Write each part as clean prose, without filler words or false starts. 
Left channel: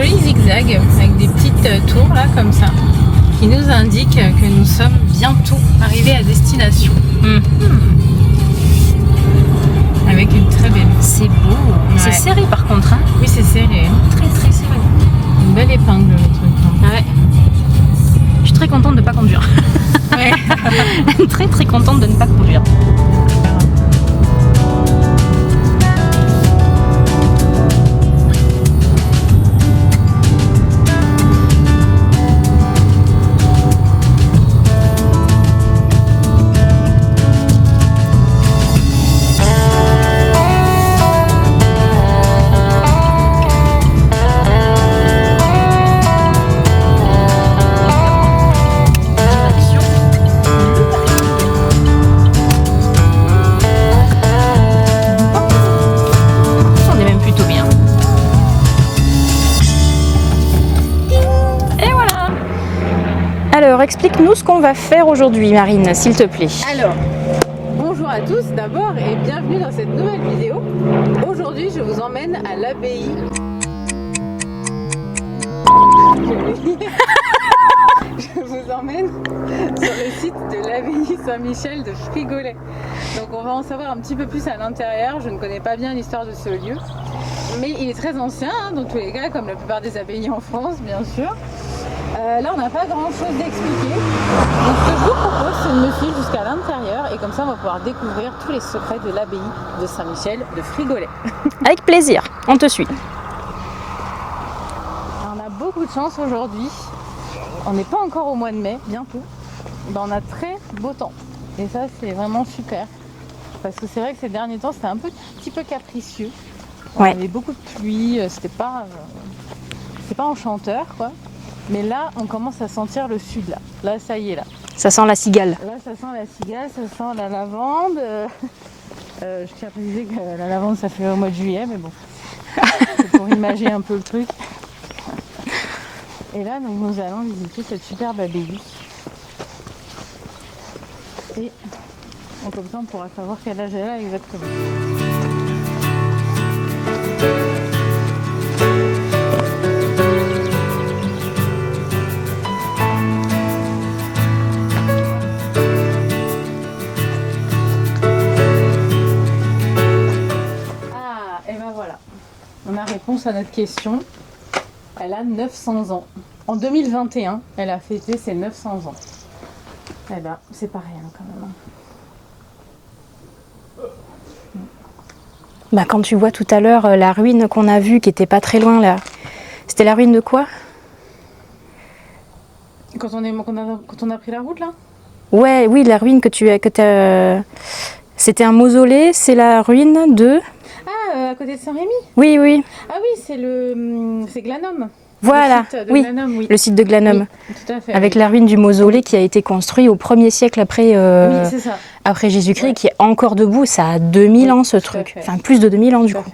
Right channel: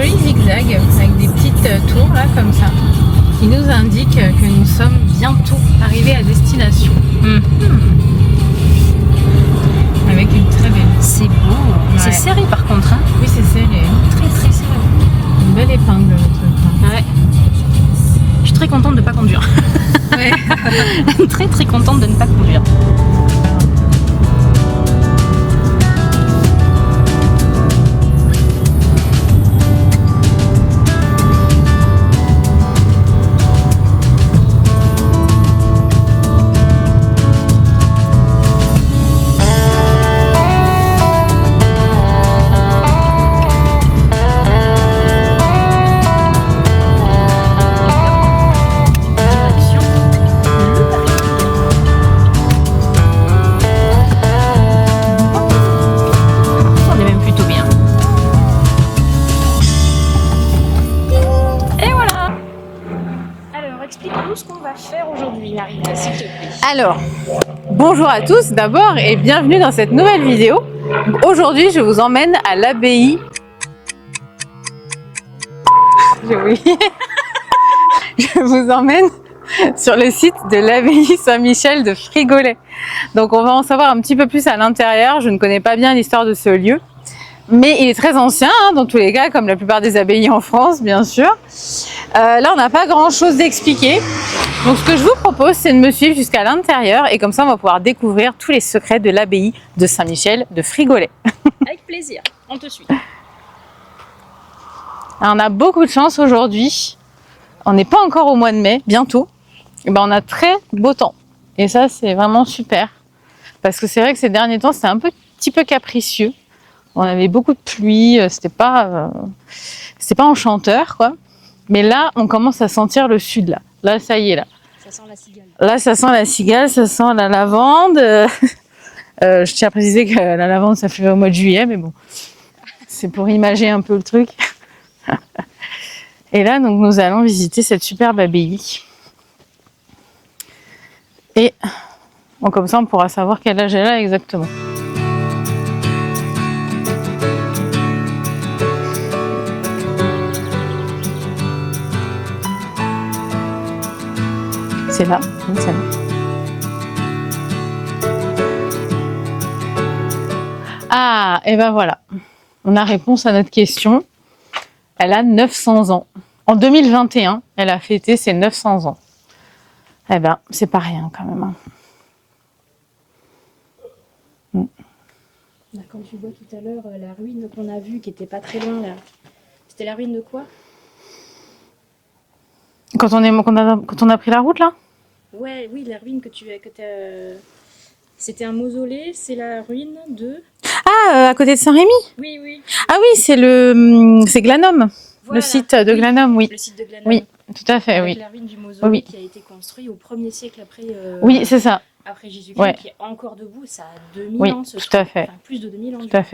joli zigzag avec des petites tours là comme ça qui nous indiquent que nous sommes bientôt arrivés à destination. Avec une très belle. C'est beau. Ouais. C'est serré par contre. Hein. Oui, c'est serré. Très très serré. Une belle épingle le truc. Ouais. Je suis très contente de ne pas conduire. Ouais. Très très contente de ne pas conduire. Explique-nous ce qu'on va faire aujourd'hui, Marine, s'il te plaît. Alors, bonjour à tous d'abord et bienvenue dans cette nouvelle vidéo. Aujourd'hui, je vous emmène à l'abbaye. Je vous emmène sur le site de l'abbaye Saint-Michel de Frigollet. Donc, on va en savoir un petit peu plus à l'intérieur. Je ne connais pas bien l'histoire de ce lieu, mais il est très ancien, hein, dans tous les cas, comme la plupart des abbayes en France, bien sûr. Là, on n'a pas grand-chose d'expliquer. Donc, ce que je vous propose, c'est de me suivre jusqu'à l'intérieur et comme ça, on va pouvoir découvrir tous les secrets de l'abbaye de Saint-Michel de Frigollet. Avec plaisir, on te suit. Alors, on a beaucoup de chance aujourd'hui. On n'est pas encore au mois de mai, bientôt. Et ben, on a très beau temps. Et ça, c'est vraiment super. Parce que c'est vrai que ces derniers temps, c'était un petit peu capricieux. On avait beaucoup de pluie, c'était pas enchanteur, quoi. Mais là, on commence à sentir le sud, là. Là, ça y est, là. Ça sent la cigale. Là, ça sent la cigale, ça sent la lavande. Je tiens à préciser que la lavande, ça fait au mois de juillet, mais bon. C'est pour imager un peu le truc. Et là, donc, nous allons visiter cette superbe abbaye. Et bon, comme ça, on pourra savoir quel âge elle a exactement. C'est là, Ah, et ben voilà, on a réponse à notre question. Elle a 900 ans. En 2021, elle a fêté ses 900 ans. Eh ben, c'est pas rien quand même. Hein. Bah, quand tu vois tout à l'heure la ruine qu'on a vue, qui était pas très loin là, c'était la ruine de quoi? Quand on a pris la route là? Ouais, oui, la ruine que c'était un mausolée, c'est la ruine de... Ah, à côté de Saint-Rémy? Oui, oui. Ah oui, c'est Glanum. Voilà. Le site de Glanum, oui. Le site de Glanum. Oui, tout à fait. Avec la ruine du mausolée qui a été construit au 1er siècle après, oui, c'est ça. Après Jésus-Christ, qui est encore debout. Ça a 2000 ans ce truc. Enfin, plus de 2000 ans du coup. Tout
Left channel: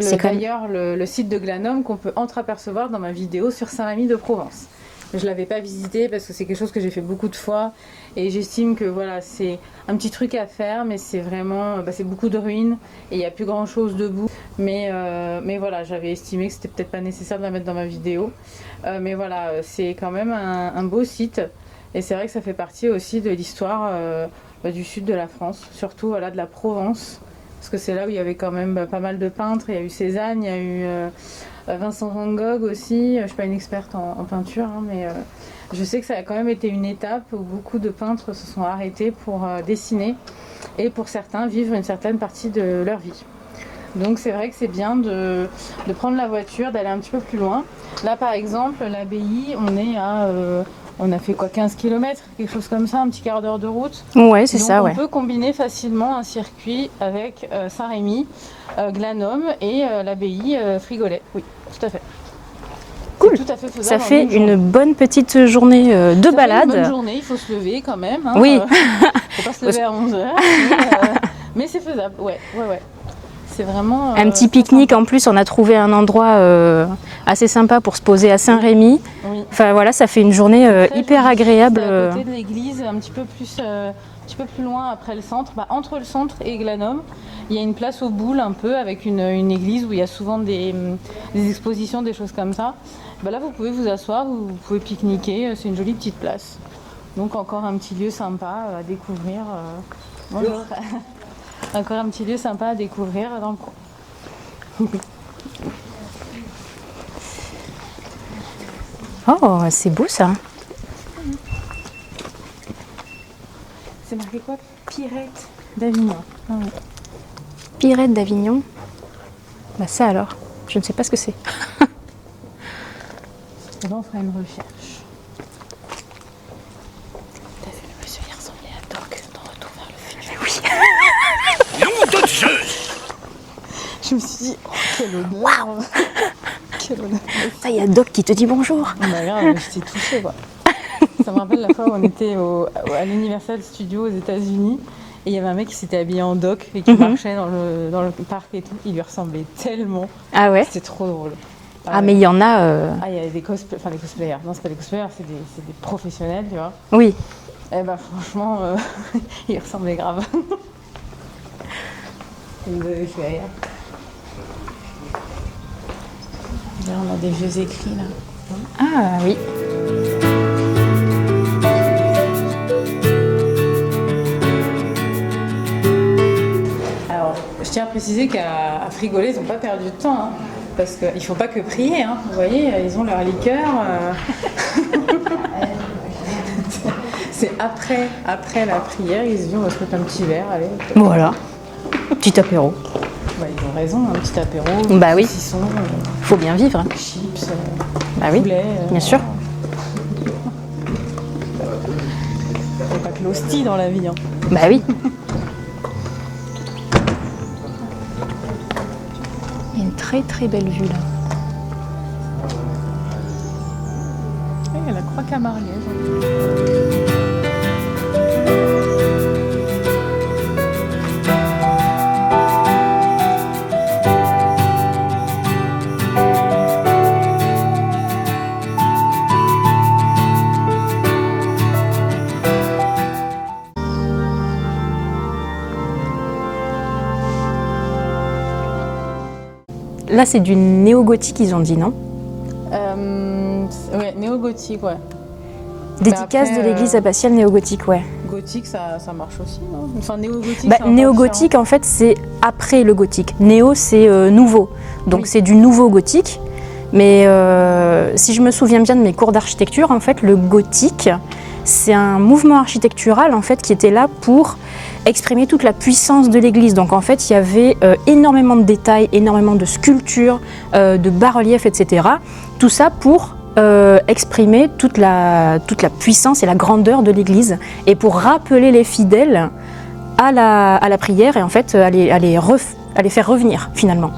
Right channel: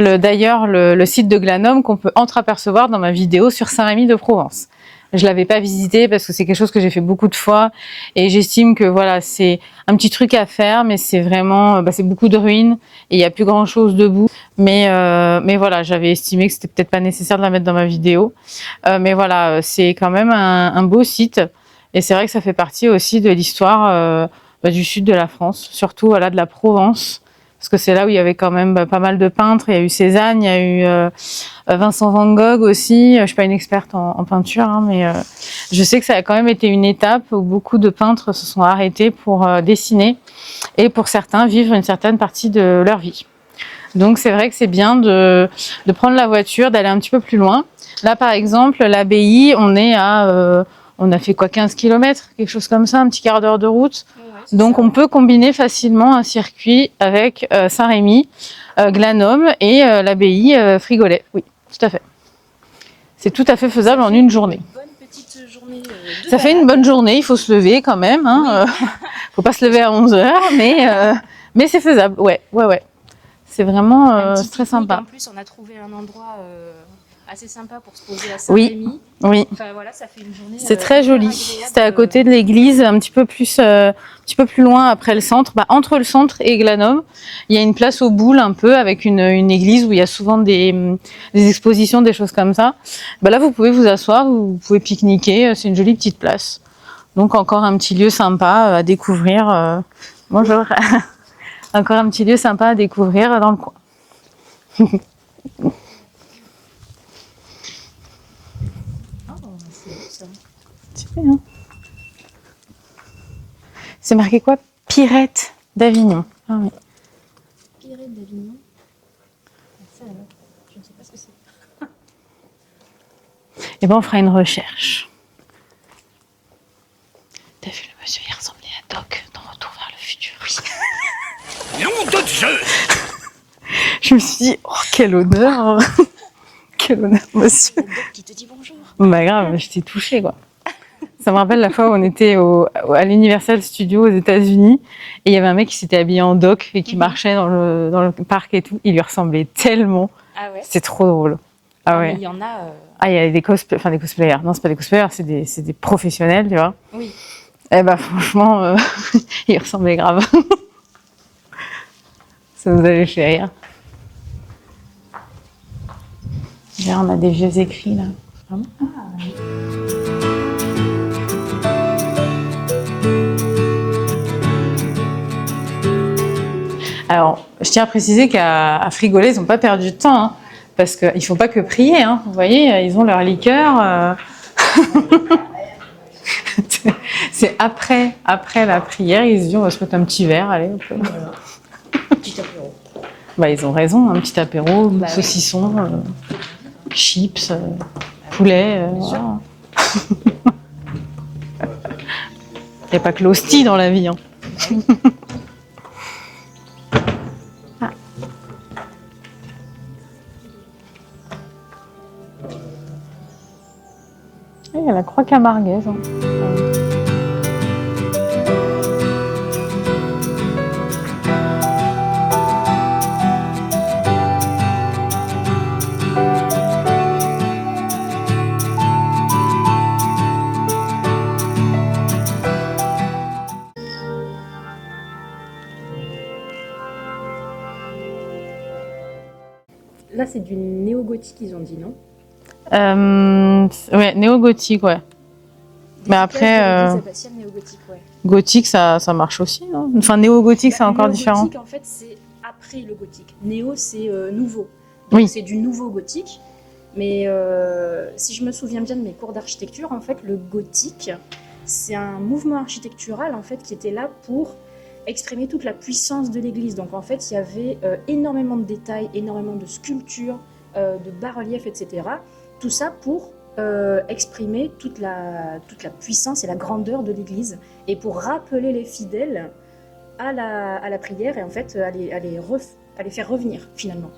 à fait. D'ailleurs, le site de Glanum qu'on peut entreapercevoir dans ma vidéo sur Saint-Rémy de Provence. Je l'avais pas visité parce que c'est quelque chose que j'ai fait beaucoup de fois et j'estime que voilà, c'est un petit truc à faire, mais c'est vraiment, c'est beaucoup de ruines et il y a plus grand chose debout. Mais voilà, j'avais estimé que c'était peut-être pas nécessaire de la mettre dans ma vidéo. Mais voilà, c'est quand même un beau site et c'est vrai que ça fait partie aussi de l'histoire du sud de la France, surtout de la Provence. Parce que c'est là où il y avait quand même pas mal de peintres. Il y a eu Cézanne, il y a eu Vincent Van Gogh aussi. Je ne suis pas une experte en peinture, hein, mais je sais que ça a quand même été une étape où beaucoup de peintres se sont arrêtés pour dessiner et pour certains vivre une certaine partie de leur vie. Donc c'est vrai que c'est bien de prendre la voiture, d'aller un petit peu plus loin. Là par exemple, l'abbaye, on a fait quoi, 15 km, quelque chose comme ça, un petit quart d'heure de route. Ouais, c'est ça. Donc on peut combiner facilement un circuit avec Saint-Rémy, Glanum et l'abbaye Frigollet. Oui, tout à fait. Cool. C'est tout à fait faisable en une journée. Une bonne petite journée de balade. Ça fait une bonne journée, il faut se lever quand même. Hein, oui. Faut pas se lever à 11h, mais c'est faisable. Ouais. c'est vraiment un petit très pique-nique. sympa. En plus, on a trouvé un endroit assez sympa pour se poser à Saint-Rémy. Oui, Enfin voilà, ça fait une journée c'est très hyper joli. agréable. C'était à côté de l'église, un petit peu plus loin après le centre. Entre le centre et Glanum, il y a une place aux boules un peu avec une église où il y a souvent des expositions, des choses comme ça. Là, vous pouvez vous asseoir, vous pouvez pique-niquer. C'est une jolie petite place. Donc encore un petit lieu sympa à découvrir. Bonjour. Encore un petit lieu sympa à découvrir dans le coin. Oh, c'est beau ça. C'est marqué quoi? Pirette d'Avignon. Ah oui. Pirette d'Avignon. Bah ça alors, je ne sais pas ce que c'est. Et on fera une recherche. T'as vu le monsieur, il ressemblait à Doc dans Retour vers le futur. Oui. Nom de Dieu! Je me suis dit, oh, quel honneur. Quel honneur, Ah, monsieur. il y a Doc qui te dit bonjour. Bah grave, j'étais touchée quoi. Ça me rappelle la fois où on était à l'Universal Studios aux États-Unis et il y avait un mec qui s'était habillé en doc et qui marchait dans le parc et tout. Il lui ressemblait tellement. Ah ouais. C'était trop drôle. Ah ouais. mais il y en a. Ah, il y a des cosplayers. Non, c'est pas des cosplayers, c'est des professionnels, tu vois. Oui. Eh bah franchement, il ressemblait grave. Ça vous allait chez rire. Là, on a des vieux écrits là. Ah oui. Alors, je tiens à préciser qu'à Frigolet, ils n'ont pas perdu de temps, hein, parce qu'ils ne font pas que prier. Hein. Vous voyez, ils ont leur liqueur. C'est après la prière, ils se disent on va se mettre un petit verre, allez. Voilà. Petit apéro. Ils ont raison, un petit apéro, Bah oui. saucisson, Faut bien vivre. chips, Bah oui. poulet. Bien sûr. Il n'y a pas que l'hostie dans la vie. Hein. Bah oui. Ah. Il y a une très très belle vue là. Oui, il y a la croix camarguaise. Là c'est du néo-gothique ils ont dit non? Ouais, néo-gothique, ouais. Dédicace après, de l'église abbatiale néo-gothique, ouais. Gothique, ça marche aussi, non? Enfin, néo-gothique, c'est encore néo-gothique différent. en fait c'est après le gothique. Néo c'est nouveau. Donc Oui. c'est du nouveau gothique. Mais si je me souviens bien de mes cours d'architecture, en fait le gothique c'est un mouvement architectural en fait qui était là pour exprimer toute la puissance de l'église. Donc en fait il y avait énormément de détails, énormément de sculptures, de bas-reliefs, etc. Tout ça pour exprimer toute la puissance et la grandeur de l'église et pour rappeler les fidèles à la prière et en fait à les faire revenir finalement.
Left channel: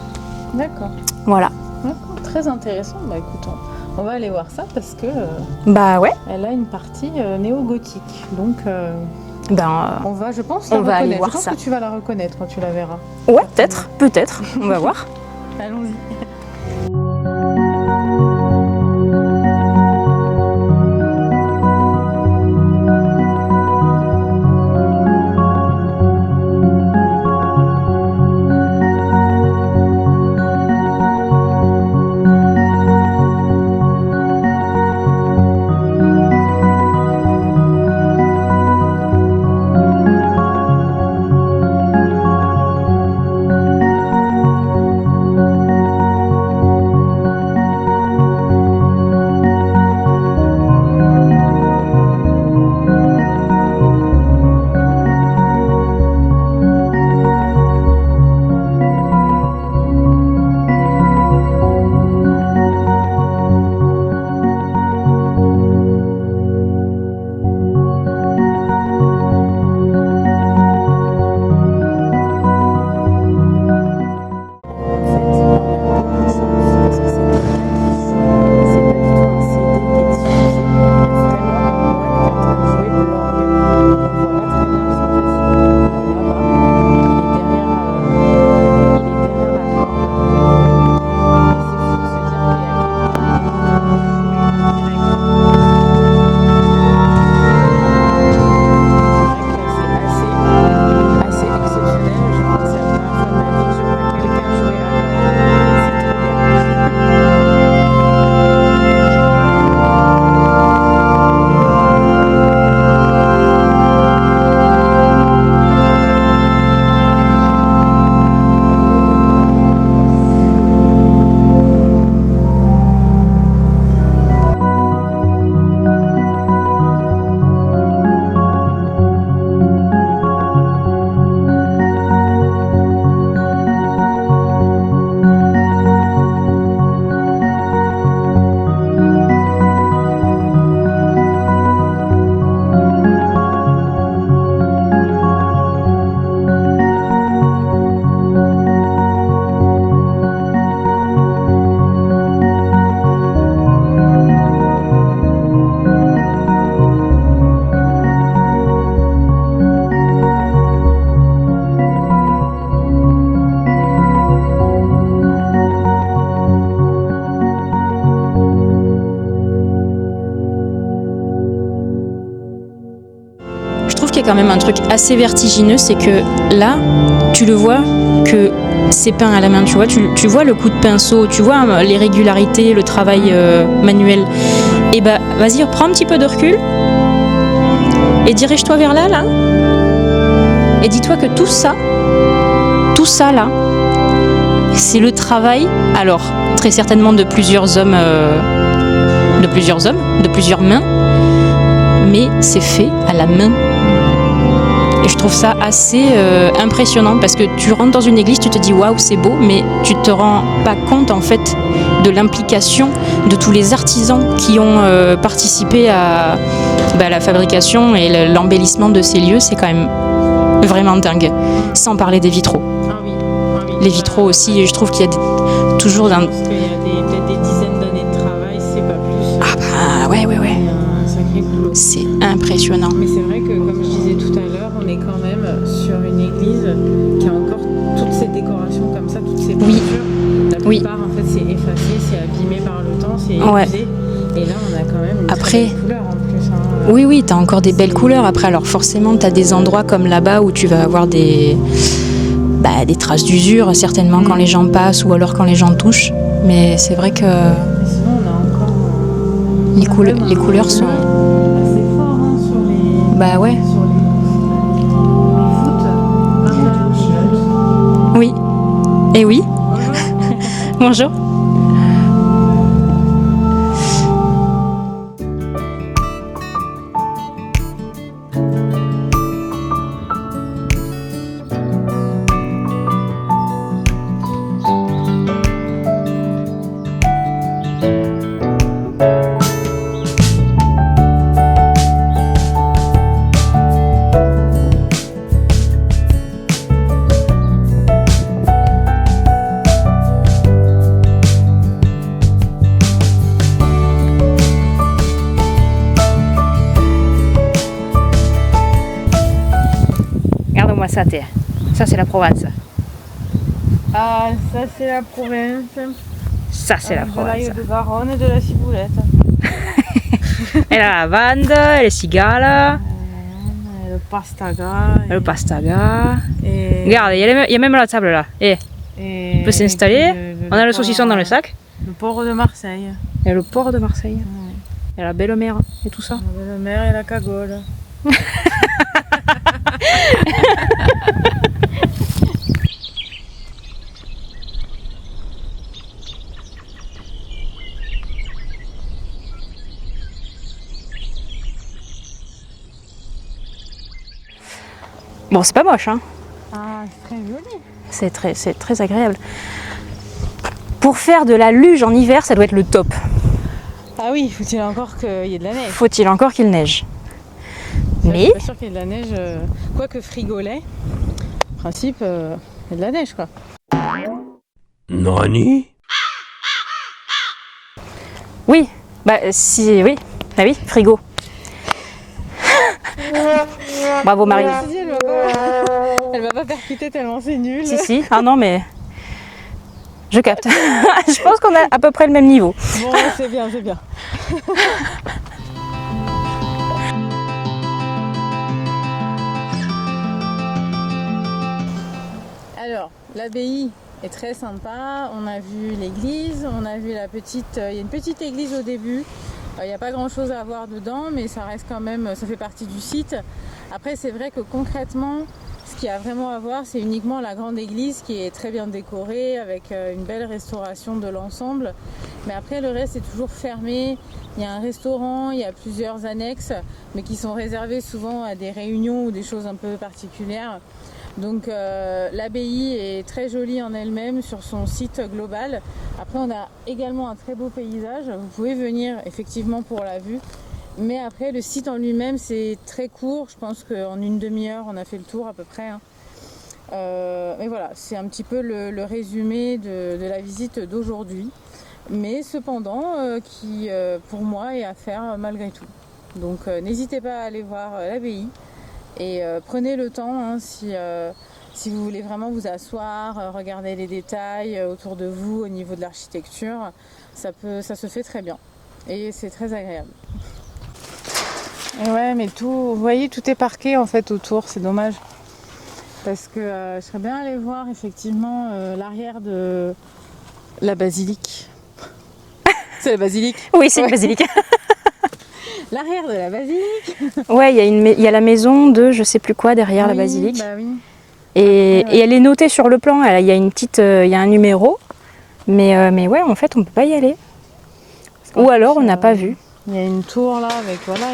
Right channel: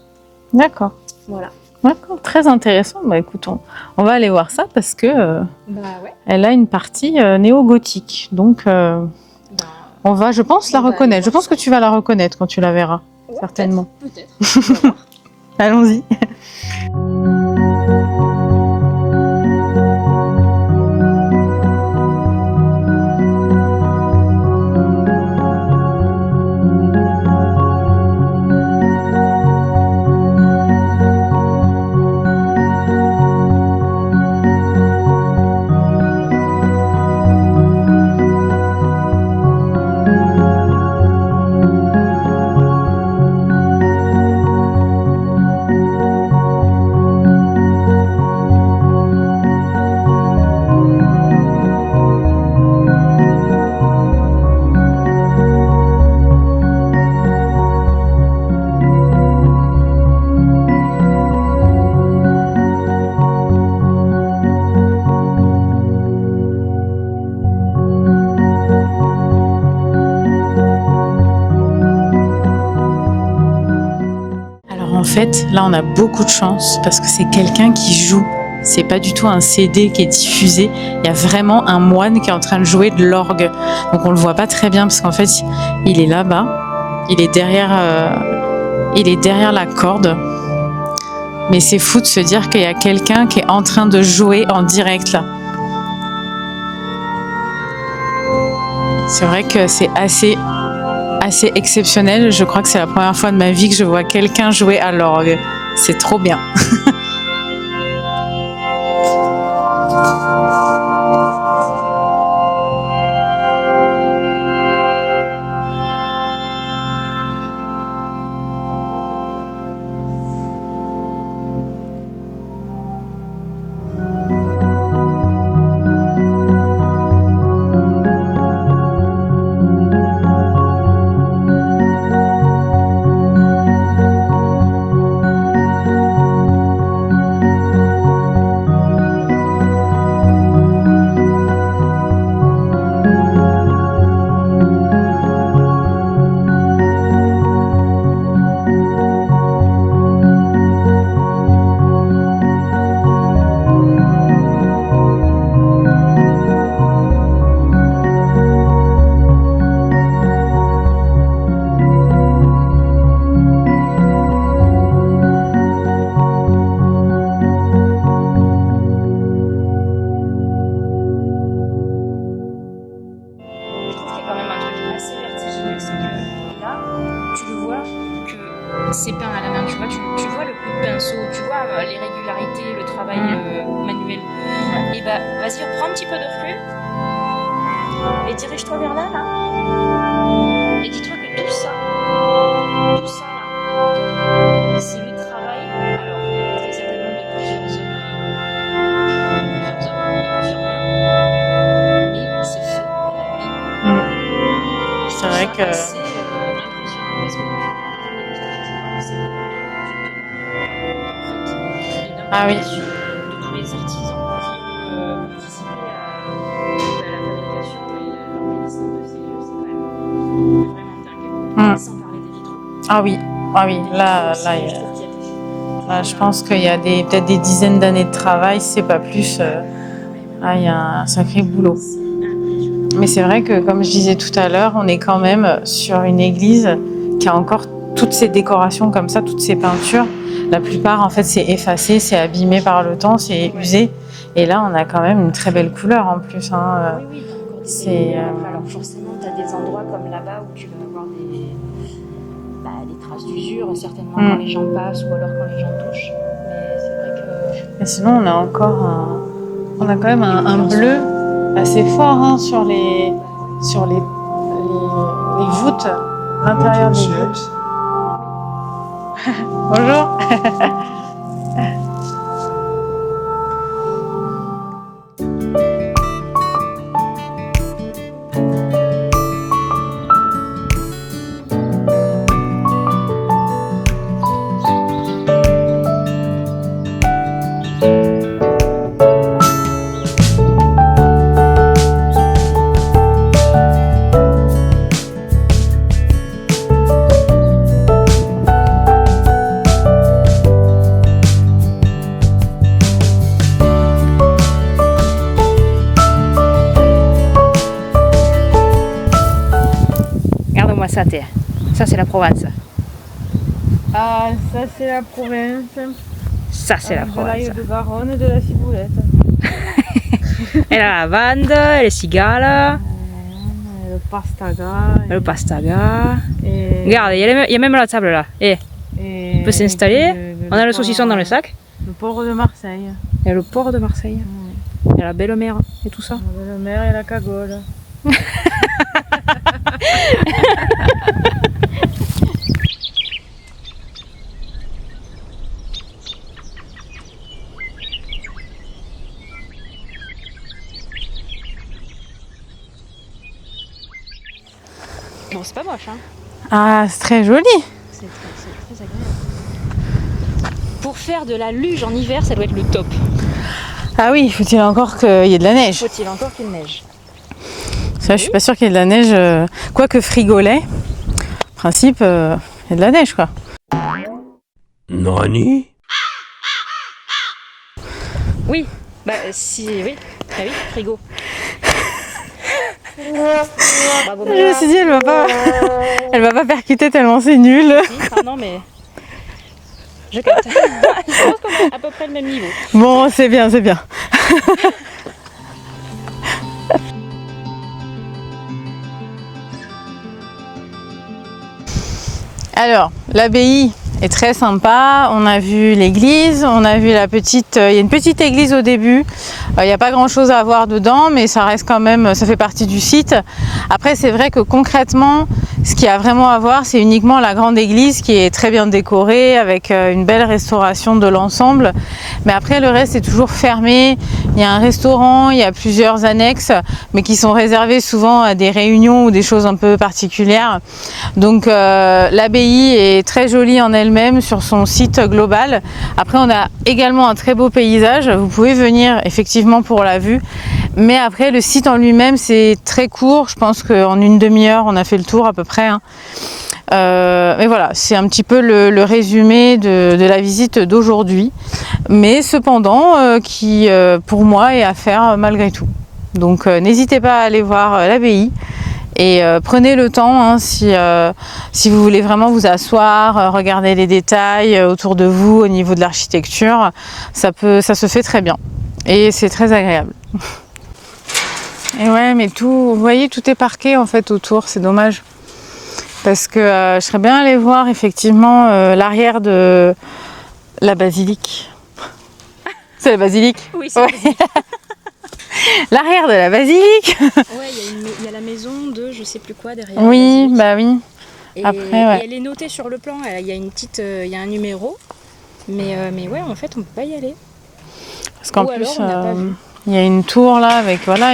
D'accord. Voilà. D'accord, très intéressant. Écoute, on va aller voir ça parce que Bah ouais. elle a une partie néo-gothique. Donc, on va, je pense, la on va aller reconnaître. Je voir pense ça. que tu vas la reconnaître quand tu la verras. Ouais, Certainement. peut-être. On va voir. Allons-y. En fait, là, on a beaucoup de chance parce que c'est quelqu'un qui joue. C'est pas du tout un CD qui est diffusé. Il y a vraiment un moine qui est en train de jouer de l'orgue. Donc on le voit pas très bien parce qu'en fait, il est là-bas. Il est derrière il est derrière la corde. Mais c'est fou de se dire qu'il y a quelqu'un qui est en train de jouer en direct là. C'est vrai que c'est assez exceptionnel. Je crois que c'est la première fois de ma vie que je vois quelqu'un jouer à l'orgue. C'est trop bien. Quand même un truc assez vertigineux, c'est que là, tu le vois que c'est peint à la main, tu vois le coup de pinceau, tu vois les régularités, le travail manuel. Et bah, vas-y, prends un petit peu de recul et dirige-toi vers là, et dis-toi que tout ça là, c'est le travail, alors très certainement de plusieurs hommes, de plusieurs mains, mais c'est fait à la main. Et je trouve ça assez impressionnant parce que tu rentres dans une église, tu te dis waouh, c'est beau, mais tu te rends pas compte en fait de l'implication de tous les artisans qui ont participé à la fabrication et l'embellissement de ces lieux. C'est quand même vraiment dingue, sans parler des vitraux. Ah oui. Les vitraux aussi, je trouve qu'il y a toujours je pense qu'il y a peut-être des dizaines d'années de travail, c'est pas plus. Ouais. Il y a un sacré boulot. C'est impressionnant. Mais c'est vrai que, comme je disais tout à l'heure, on est quand même sur une église qui a encore toutes ces décorations comme ça, toutes ces peintures. La plupart, en fait, c'est effacé, c'est abîmé par le temps, c'est usé. Et là, on a quand même une très belle couleur en plus. Oui, t'as encore des belles couleurs. Après, alors forcément, t'as des endroits comme là-bas où tu vas avoir des traces d'usure, certainement quand les gens passent ou alors quand les gens touchent. Mais c'est vrai que... Et sinon, on a encore les couleurs bleu assez fort sur les... sur les voûtes, l'intérieur des voûtes. Oui. Et oui. Bonjour. Bonjour. Ça c'est la Provence. Ah, ça c'est la Provence. Ça c'est la Provence. De l'ail de Garonne et de la ciboulette. Et la lavande, et les cigales. Le pastaga. Le pastaga. Regarde, il y a même la table là. On peut s'installer. On a le saucisson dans le sac. Le port de Marseille. Et le port de Marseille. Et la belle mer et tout ça. La belle mer et la cagole. Bon, c'est pas moche, hein. Ah, c'est très joli. C'est très agréable. Pour faire de la luge en hiver, ça doit être le top. Ah oui, faut-il encore qu'il y ait de la neige. Faut-il encore qu'il neige. Ça, je suis pas sûre qu'il y ait de la neige. Quoique frigolet, en principe, il y a de la neige, quoi. Nani? Oui, oui, frigo. Bravo Marie. Je me suis dit, elle va pas percuter tellement c'est nul. Si. Ah non, mais Je capte. Je pense qu'on a à peu près le même niveau. Bon, c'est bien, c'est bien. Alors, l'abbaye est très sympa. On a vu l'église, on a vu la petite... Il y a une petite église au début. Il n'y a pas grand-chose à voir dedans, mais ça reste quand même... Ça fait partie du site. Après, c'est vrai que concrètement, ce qu'il y a vraiment à voir, c'est uniquement la grande église qui est très bien décorée, avec une belle restauration de l'ensemble. Mais après, le reste est toujours fermé. Il y a un restaurant, il y a plusieurs annexes, mais qui sont réservées souvent à des réunions ou des choses un peu particulières. Donc, l'abbaye est très jolie en elle-même sur son site global. Après, on a également un très beau paysage. Vous pouvez venir effectivement pour la vue. Mais après, le site en lui-même, c'est très court. Je pense qu'en une demi-heure, on a fait le tour à peu près. Mais voilà, c'est un petit peu le résumé de la visite d'aujourd'hui. Mais cependant, qui pour moi est à faire malgré tout. Donc n'hésitez pas à aller voir l'abbaye. Et prenez le temps si vous voulez vraiment vous asseoir, regarder les détails autour de vous au niveau de l'architecture, ça se fait très bien et c'est très agréable. Et ouais, mais tout, vous voyez, tout est parqué en fait autour, c'est dommage. Parce que je serais bien allée voir effectivement l'arrière de la basilique. C'est la basilique? Oui, c'est la basilique. L'arrière de la basilique. Ouais, il y a la maison de je sais plus quoi derrière la basilique. Bah oui. Et, Après, ouais. et elle est notée sur le plan. Il y a il y a un numéro. Mais ouais, en fait, on peut pas y aller. Ou alors, on n'a pas vu. Il y a une tour là avec voilà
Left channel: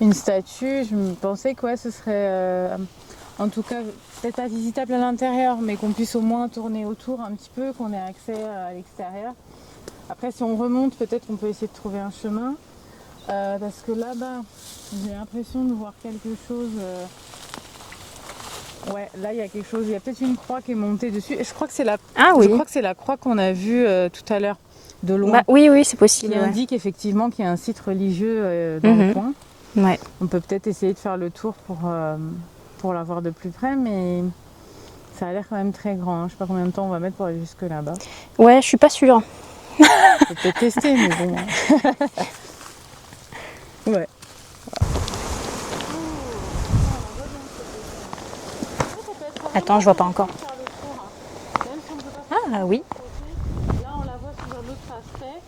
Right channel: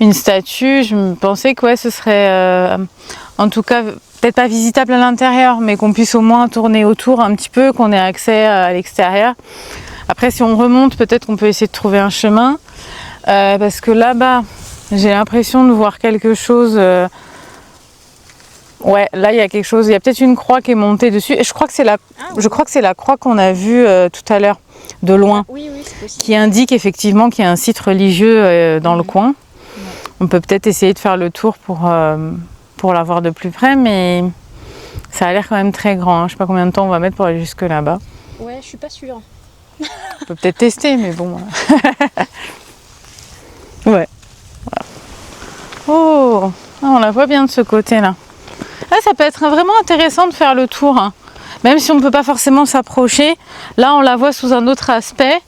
une statue. Je me pensais que ouais, ce serait en tout cas peut-être pas visitable à l'intérieur, mais qu'on puisse au moins tourner autour un petit peu, qu'on ait accès à l'extérieur. Après, si on remonte, peut-être qu'on peut essayer de trouver un chemin. Parce que là-bas, j'ai l'impression de voir quelque chose. Ouais, là, il y a quelque chose. Il y a peut-être une croix qui est montée dessus. Et je crois que c'est je crois que c'est la croix qu'on a vue tout à l'heure, de loin. Ah, oui, c'est possible. Qui indique effectivement qu'il y a un site religieux dans le coin. Ouais. On peut peut-être essayer de faire le tour pour la voir de plus près, mais ça a l'air quand même très grand. Je ne sais pas combien de temps on va mettre pour aller jusque là-bas. Ouais, je suis pas sûre. On peut peut-être tester, mais bon. Ouais. Voilà. Oh, on la voit bien de ce côté-là. Ah, ça peut être vraiment intéressant de faire le tour. Même si on ne peut pas forcément s'approcher. Là, on la voit sous un autre aspect,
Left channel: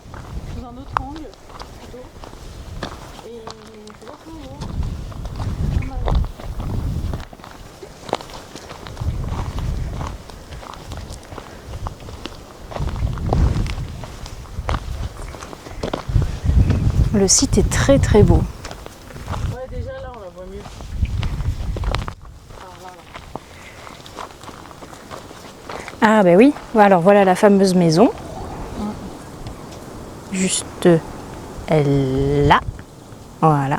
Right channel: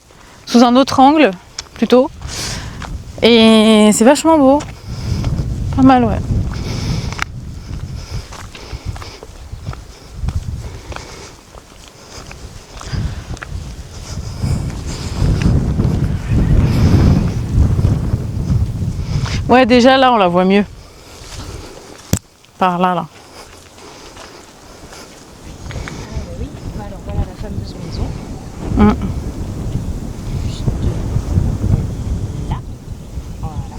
sous un autre angle, plutôt. Et c'est vachement beau. Pas mal, ouais. Le site est très très beau. Ouais, déjà là, on la voit mieux. Par là, là. Ah bah oui, alors voilà la fameuse maison. Juste là. Voilà.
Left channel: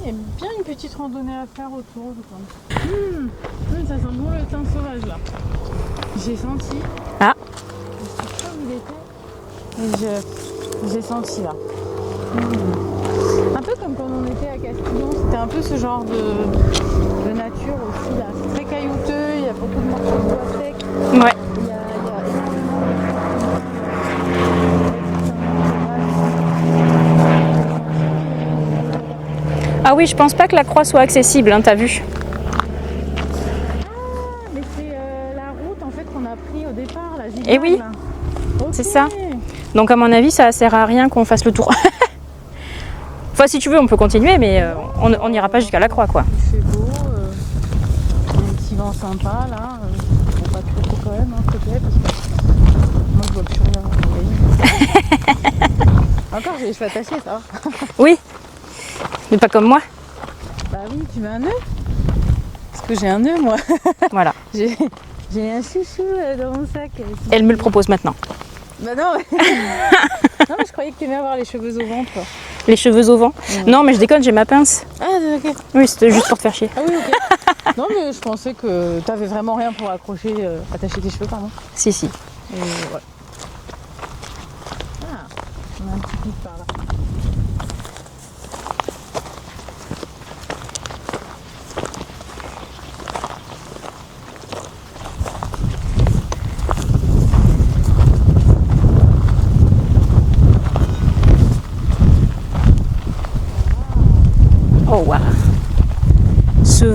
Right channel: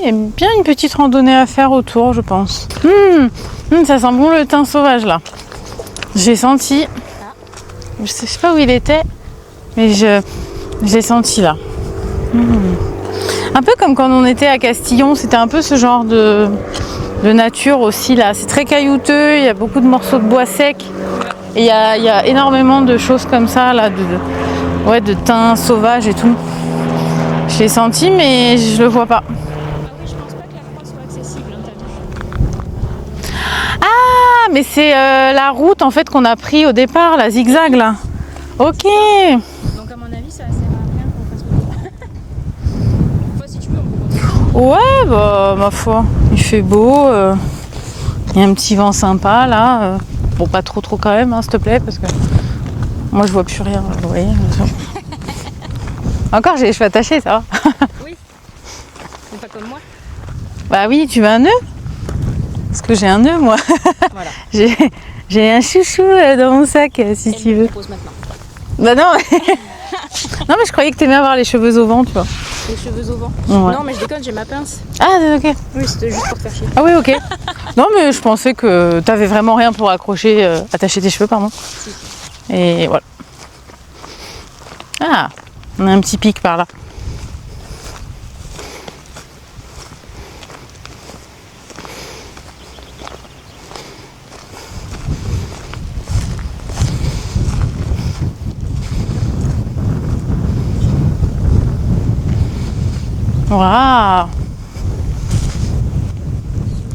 Il y a bien une petite randonnée à faire autour, je pense. Ça sent bon le thym sauvage, là. J'ai senti... Ah, je sais pas où il était, mais je l'ai senti, là. Un peu comme quand on était à Castillon, c'était un peu ce genre de nature aussi là. C'est très caillouteux, il y a beaucoup de morceaux de bois secs. ouais. Et il y a énormément de choses comme ça là, de thym sauvage et tout. Je l'ai senti, mais je le vois pas. Ah oui, je pense pas que la croix soit accessible, hein, t'as vu? Ah, mais c'est la route en fait qu'on a pris au départ, la zigzag Eh oui. là. Ok. C'est ça. Donc à mon avis, ça sert à rien qu'on fasse le tour. Enfin, si tu veux, on peut continuer, mais on n'ira pas jusqu'à la croix, quoi. Il fait beau, il y a un petit vent sympa là. Bon, pas trop quand même, hein, s'il te plaît, parce que moi je vois plus rien, vous voyez. Encore, j'ai les cheveux attachés, ça va. Oui, mais pas comme moi. Bah oui, tu veux un nœud? Parce que j'ai un nœud, moi. Voilà. J'ai un chouchou dans mon sac, si Elle tu me le veux. propose maintenant. Bah non. Non, mais je croyais que t'aimais avoir les cheveux au vent, tu vois. Les cheveux au vent. Ouais. Non, mais je déconne, j'ai ma pince. Ah, ok. Oui, c'était juste pour te faire chier. Ah oui, ok. Non, mais je pensais que t'avais vraiment rien pour accrocher, attacher tes cheveux, pardon. Si. Et voilà. Ah, on a un petit pic par là.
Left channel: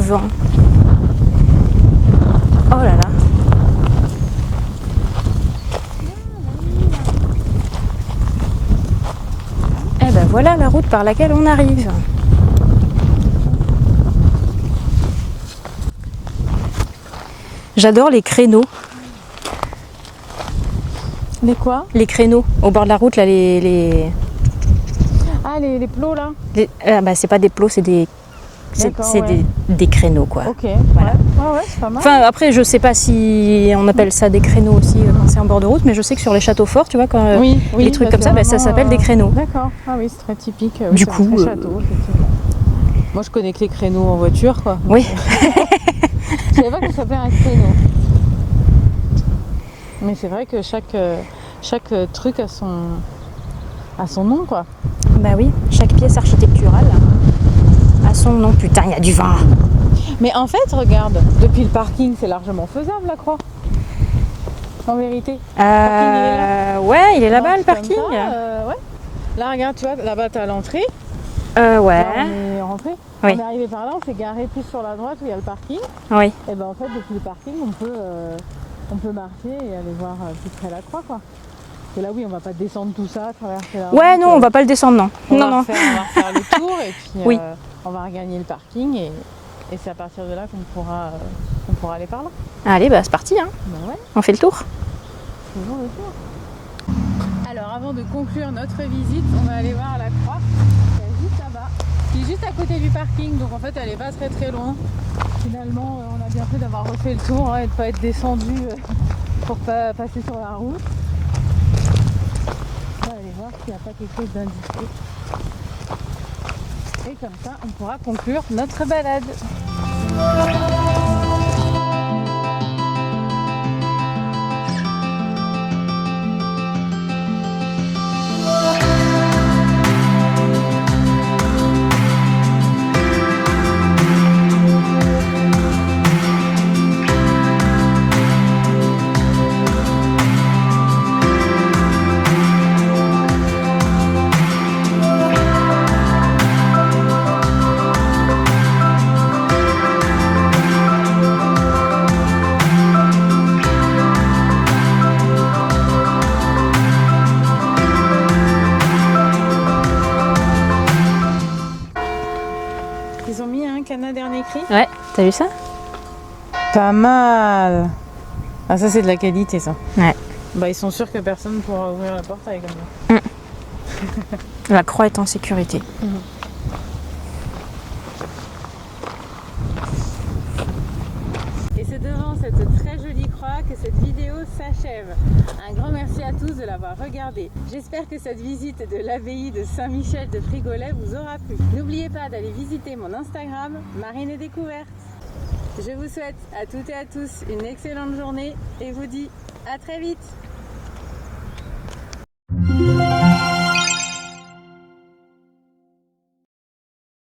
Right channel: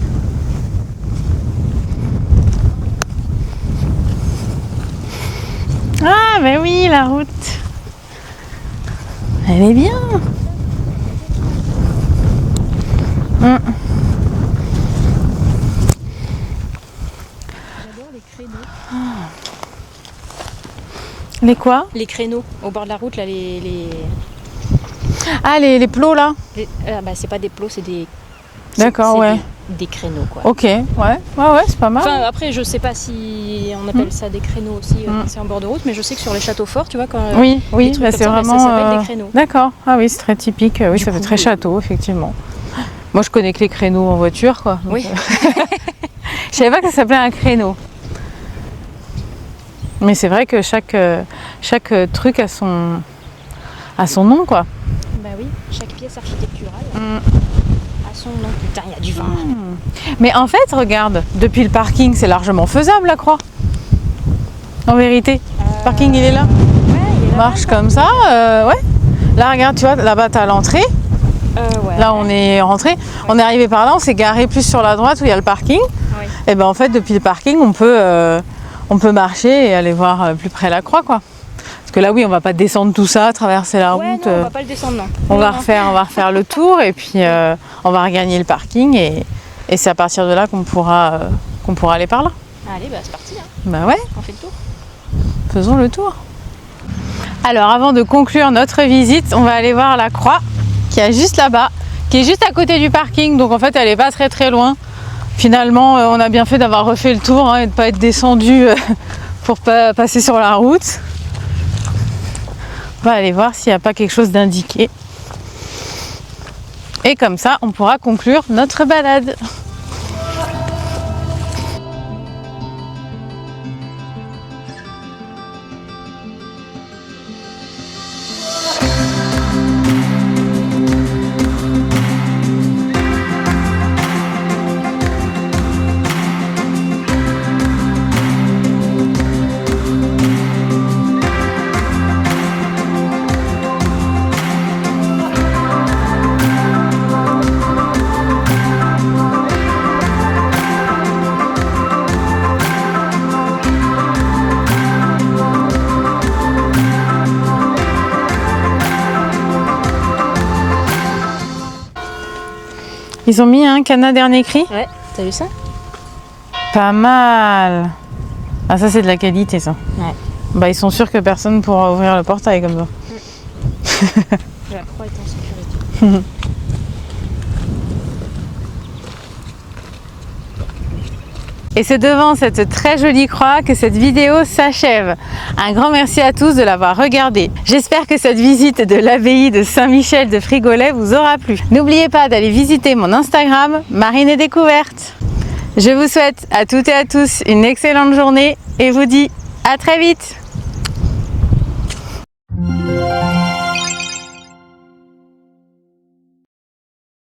vent. Oh là là. Ah, ben oui, la route. Elle est bien. Et ben voilà la route par laquelle on arrive. J'adore les créneaux. Les quoi? Les créneaux au bord de la route, là, Ah, les plots là. bah, c'est pas des plots, c'est des. D'accord, c'est ouais. des créneaux, quoi. Ok, ouais, c'est pas mal. Enfin, après, je sais pas si on appelle ça des créneaux aussi quand c'est en bord de route, mais je sais que sur les châteaux forts, tu vois, quand oui, les trucs bah, comme ça, bah, ça s'appelle des créneaux. D'accord, ah oui, c'est très typique. Oui, Du ça fait coup, très château, effectivement. Moi, je connais que les créneaux en voiture, quoi. Oui. Je savais pas que ça s'appelait un créneau. Mais c'est vrai que chaque truc a son nom, quoi. Bah oui, chaque pièce architecturale a son nom. Putain, il y a du vent. Mais en fait, regarde, depuis le parking, c'est largement faisable, la croix. En vérité. Le parking, il est là. Ouais, il est là-bas. Marche le parking. comme ça, ouais. Là, regarde, tu vois, là-bas, t'as l'entrée. Ouais. Là, on est rentré. Oui. On est arrivé par là, on s'est garé plus sur la droite où il y a le parking. Oui. Et ben en fait, depuis le parking, on peut marcher et aller voir plus près la croix, quoi. Parce que là, oui, on va pas descendre tout ça, traverser la route. Ouais, non, on va pas le descendre, non. On va Non. refaire le tour et puis on va regagner le parking et c'est à partir de là qu'on pourra aller par là. Allez, bah c'est parti, hein. Bah ouais, On fait le tour. faisons le tour. Alors, avant de conclure notre visite, on va aller voir la croix qui est juste là-bas, qui est juste à côté du parking. Donc en fait, elle est pas très très loin. Finalement, on a bien fait d'avoir refait le tour et de pas être descendu pour pas passer sur la route. On va aller voir s'il n'y a pas quelque chose d'indiqué. Et comme ça, on pourra conclure notre balade. Ils ont mis un Cana dernier cri. Ouais, t'as vu ça? Pas mal. Ah, ça c'est de la qualité, ça. Ouais. Bah, ils sont sûrs que personne ne pourra ouvrir le portail comme ça. La croix est en sécurité. Et c'est devant cette très jolie croix que cette vidéo s'achève. Un grand merci à tous de l'avoir regardée. J'espère que cette visite de l'abbaye de Saint-Michel de Frigolet vous aura plu. N'oubliez pas d'aller visiter mon Instagram, Marine et Découverte. Je vous souhaite à toutes et à tous une excellente journée et vous dis à très vite.